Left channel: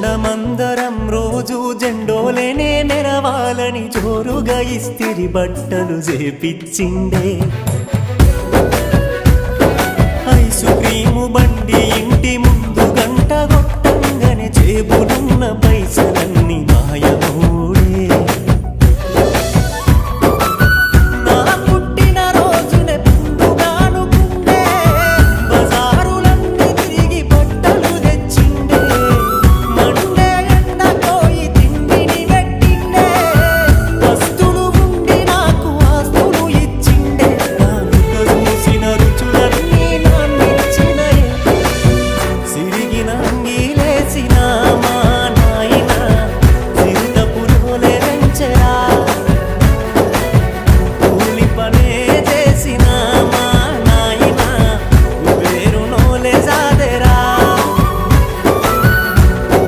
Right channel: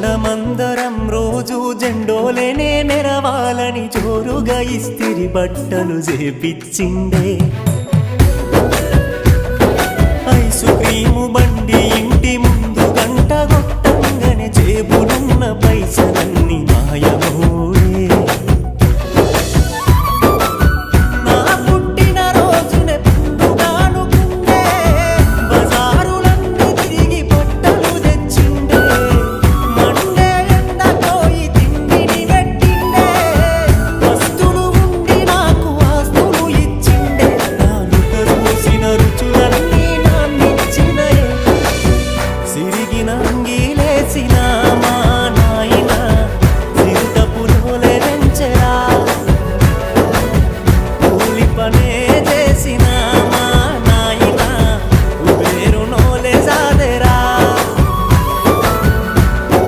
ఉండమందరం రోజు జెండోలేనే మెరవాలని జోరుగా ఇస్తిరి బట్టలు చేపిచ్చిండే ఐసు క్రీము బండి ఇంటి ముందు గంట కొట్టంగానే జేబులున్న పైసలన్నీ మాయమూడే